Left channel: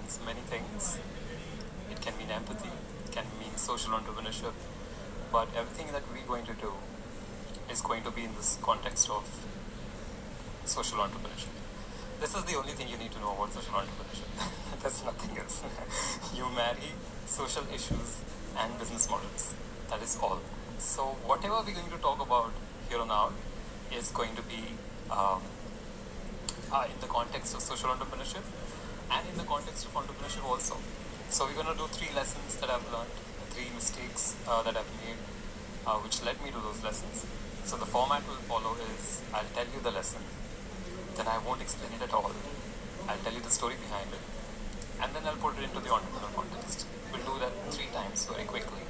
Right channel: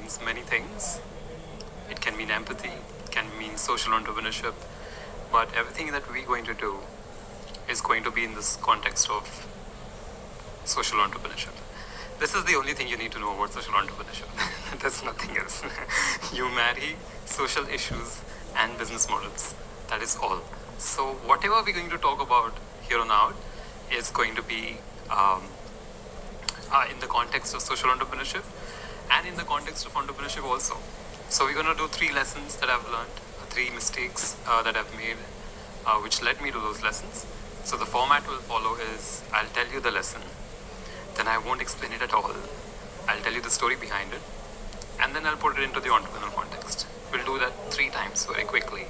means many things. It can mean empathy, it can mean social entrepreneurship, but everything that we're going to do is going to be in this context of social entrepreneurship. This is the only thing you need to know about social entrepreneurship. There's nothing else. You marry social issues and business models. That is all. So whatever we're going to talk about here on out is going to be in the context of social entrepreneurship and in the context of entrepreneurship also. So we're going to do 3 lessons that I've learned, 3 mistakes that I've made, which led me to those lessons. So the format will follow is I'll tell you the lesson, then I won't explain it at all. I'll tell you the story behind it, and then I'll put it into the entrepreneurial context. We'll do that 3 times very quickly.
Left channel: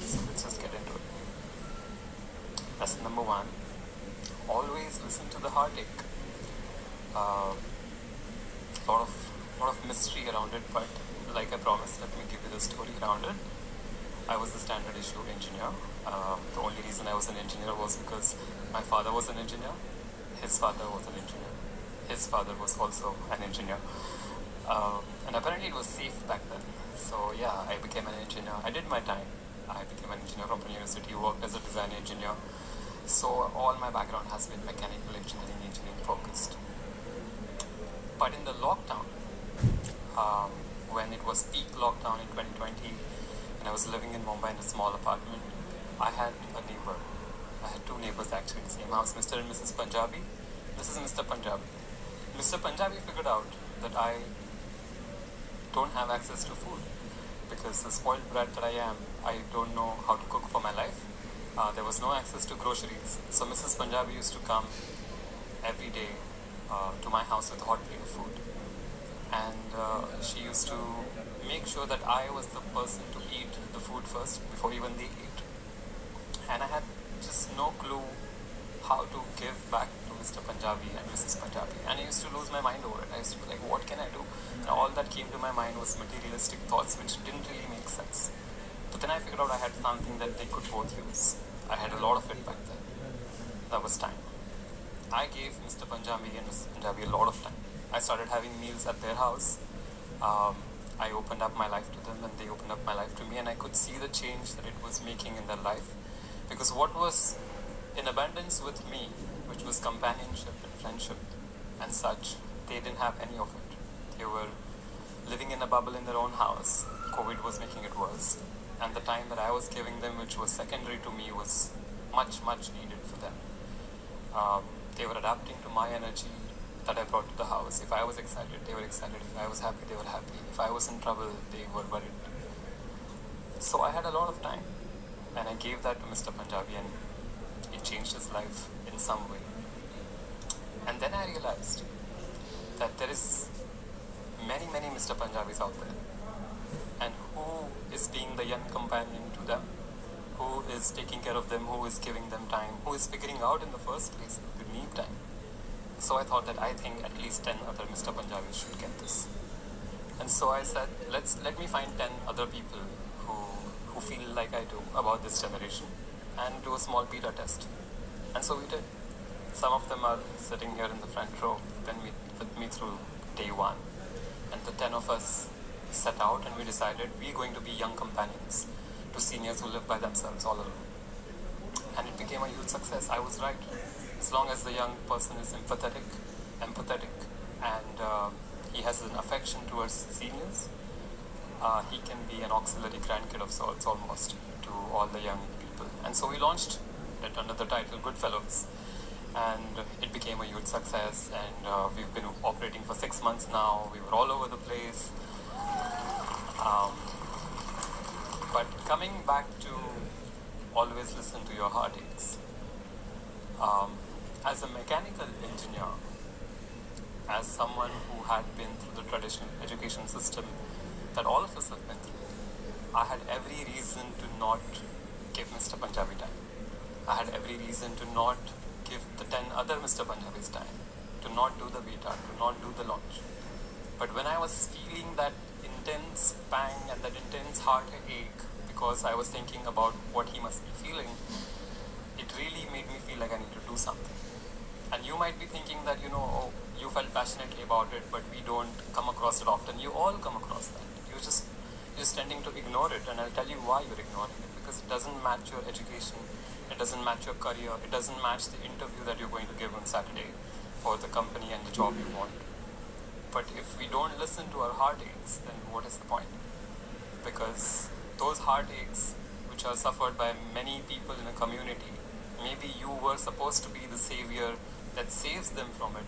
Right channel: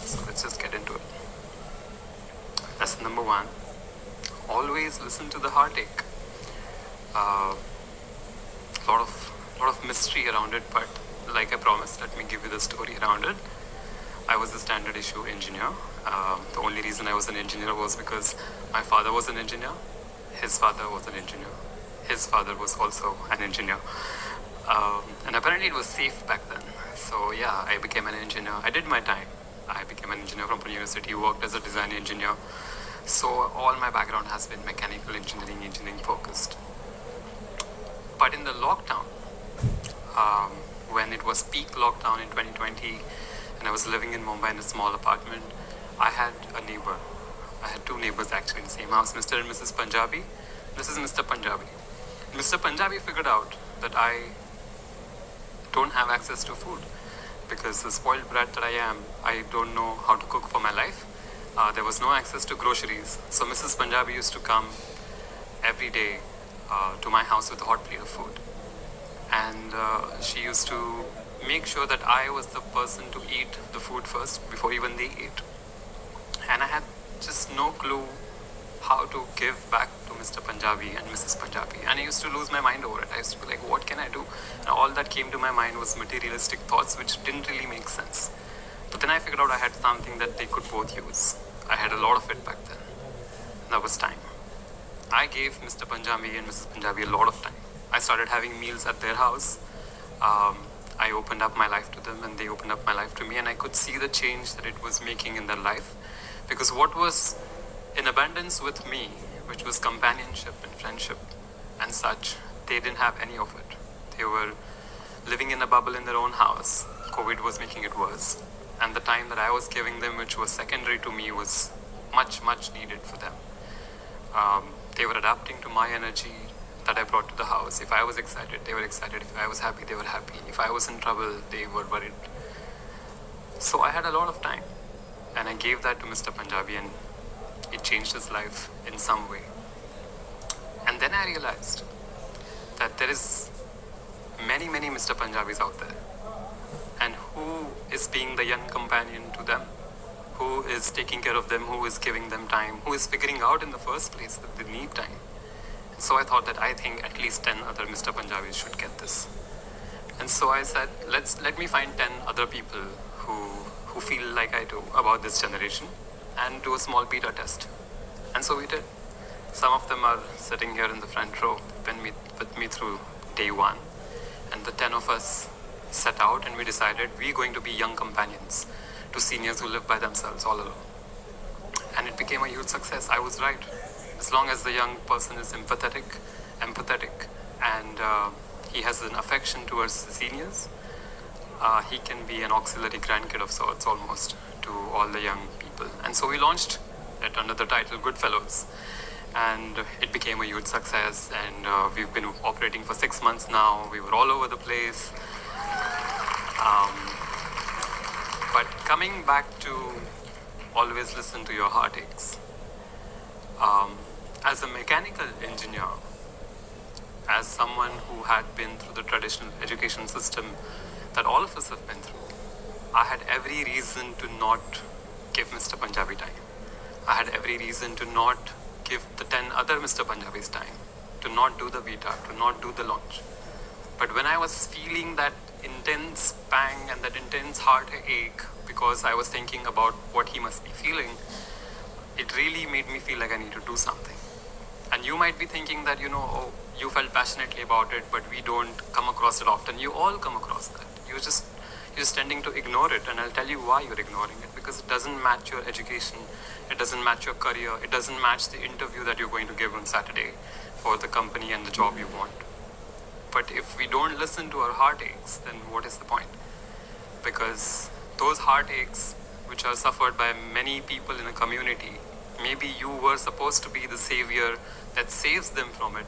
So let's just get into it. Lesson number 1, always listen to the heartache. Lot of mystery around it, but like I promised, let me give you the story around it. I was a standard issue engineer. The only reason I was an engineer was because my father was an engineer, his father was an engineer, his father was also an engineer, and apparently it was safe back then. So yeah, I became an engineer. I did my time. I became an engineer from Pune University, worked as a design engineer. So all my background has been mechanical engineering focused. But in the lockdown, when it was peak lockdown in 2020, and I was living in Mumbai in a small apartment, I had a neighbor. I had 2 neighbors actually in the same house, Mr. and Mrs. Punjabi. This is Mr. Punjabi. Mr. Punjabi figured out that I don't have access to food because the spoiled brat that I am, I don't know how to cook for my life. There was no access to groceries. So Mrs. Punjabi used to come every day to my house with a hot plate of food. And she used to make sure that I was the person to eat the food first before even they ate. And I had just no clue how to give back to Mr. Punjabi and Mrs. Punjabi. And I used to lose my mind over it. I used to be like, what can I do? And all that came to my mind was materialistic thoughts which didn't really make sense. But then I figured out I had something that they could both use. I had a lot of it back then. That was time. I gave Mr. Punjabi and Mrs. Punjabi a lot of time. I started having meals at their house. I opened up my life to them and they opened up my life to me, and I could see the change that it was making in their life. Because what was in abundance with me, which was companionship and friendship and such, they didn't have any of it. They were living in a bubble in their own house. COVID was making it worse. And the time that I was giving them, which was secondary to me, was much, much needed for them. They were adapting to my energy that I brought to the house. If I was excited, they were excited. If I was happy, they were happy. If I was in trouble, they were worried. So I had a lot of time. And I gave that to Mr. Punjabi, and it changed his life in some way. And then I realized that there is many, many Mr. Punjabis out there. And who is being the young companion to them? Who is taking care of them? Who is giving them time? Who is figuring out in the first place that they need time? So I thought that I think at least 10 other Mr. Punjabis should get this. And so I said, let me find 10 other people who feel like I do about this generation and do a small beta test. And so we did. Some of them are sitting here in the front row with me through day 1. And the 10 of us set out and we decided we're going to be young companions to seniors who live by themselves all alone. And it became a huge success. I was right. As long as the young person is empathetic, and he has an affection towards the seniors, he can be an auxiliary grandkid of sorts almost to all the young people. And so we launched it under the title Goodfellows. And it became a huge success, and we've been operating for 6 months now. We were all over the place. But coming back to always listen to your heartaches. As a mechanical engineer, as someone who had been through the traditional education system that all of us have been through, I had every reason to not give Mr. Punjabi time. I had every reason to not give the 10 other Mr. Punjabis time, to not do the beta, to not do the launch. But when I was feeling that intense pang and that intense heartache because I was thinking about what he must be feeling, it really made me feel like I need to do something. And you might be thinking that, oh, you felt passionately about it, but we don't come across it often. You all come across that. You're just tending to ignore it, and I'll tell you why you're ignoring it. Because it doesn't match your education, it doesn't match your career, it doesn't match the interview that you're going to give on Saturday for the company and the job you want. But if we don't listen to our heartaches, then what is the point? Because those heartaches, which are suffered by many people in a community, maybe you were supposed to be the savior that saves them from it.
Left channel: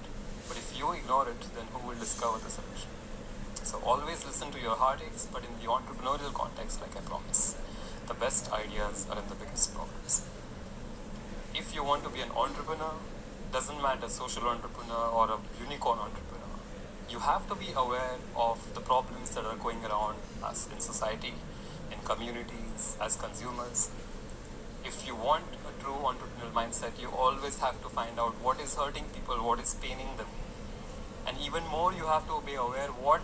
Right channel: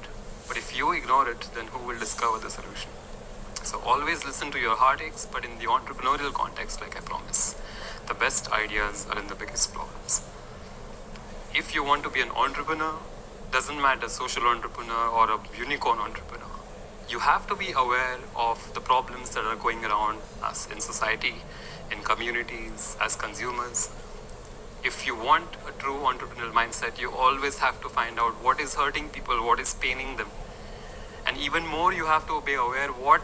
But if you ignore it, then who will discover the solution? So always listen to your heartaches, but in the entrepreneurial context, like I promise, the best ideas are in the biggest problems. If you want to be an entrepreneur, doesn't matter social entrepreneur or a unicorn entrepreneur, you have to be aware of the problems that are going around us in society, in communities, as consumers. If you want a true entrepreneurial mindset, you always have to find out what is hurting people, what is paining them. And even more, you have to be aware what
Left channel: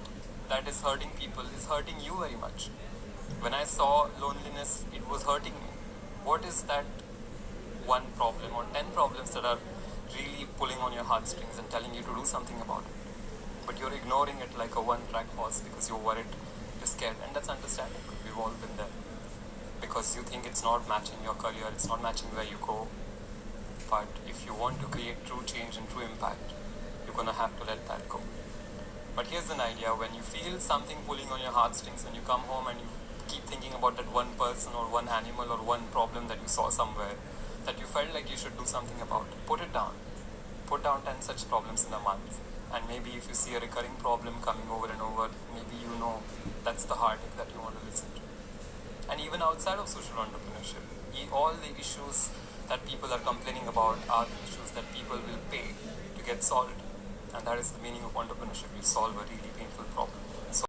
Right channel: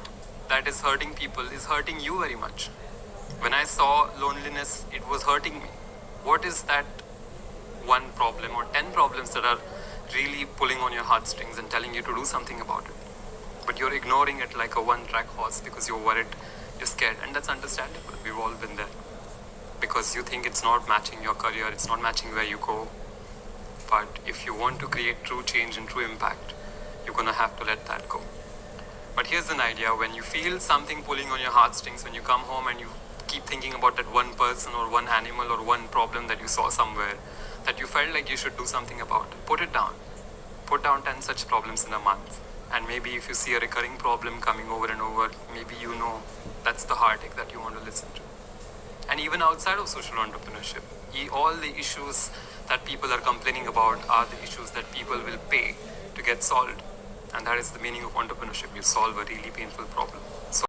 that is hurting people is hurting you very much. When I saw loneliness, it was hurting me. What is that one problem or 10 problems that are really pulling on your heartstrings and telling you to do something about it? But you're ignoring it like a one-track horse because you're worried, you're scared, and that's understandable. We've all been there. Because you think it's not matching your career, it's not matching where you go. But if you want to create true change and true impact, you're gonna have to let that go. But here's an idea: when you feel something pulling on your heartstrings, when you come home and you keep thinking about that one person or one animal or one problem that you saw somewhere that you felt like you should do something about, put it down. Put down 10 such problems in a month. And maybe if you see a recurring problem coming over and over, maybe you know that's the heartache that you want to listen to. And even outside of social entrepreneurship, all the issues that people are complaining about are the issues that people will pay to get solved. And that is the meaning of entrepreneurship. You solve a really painful problem. So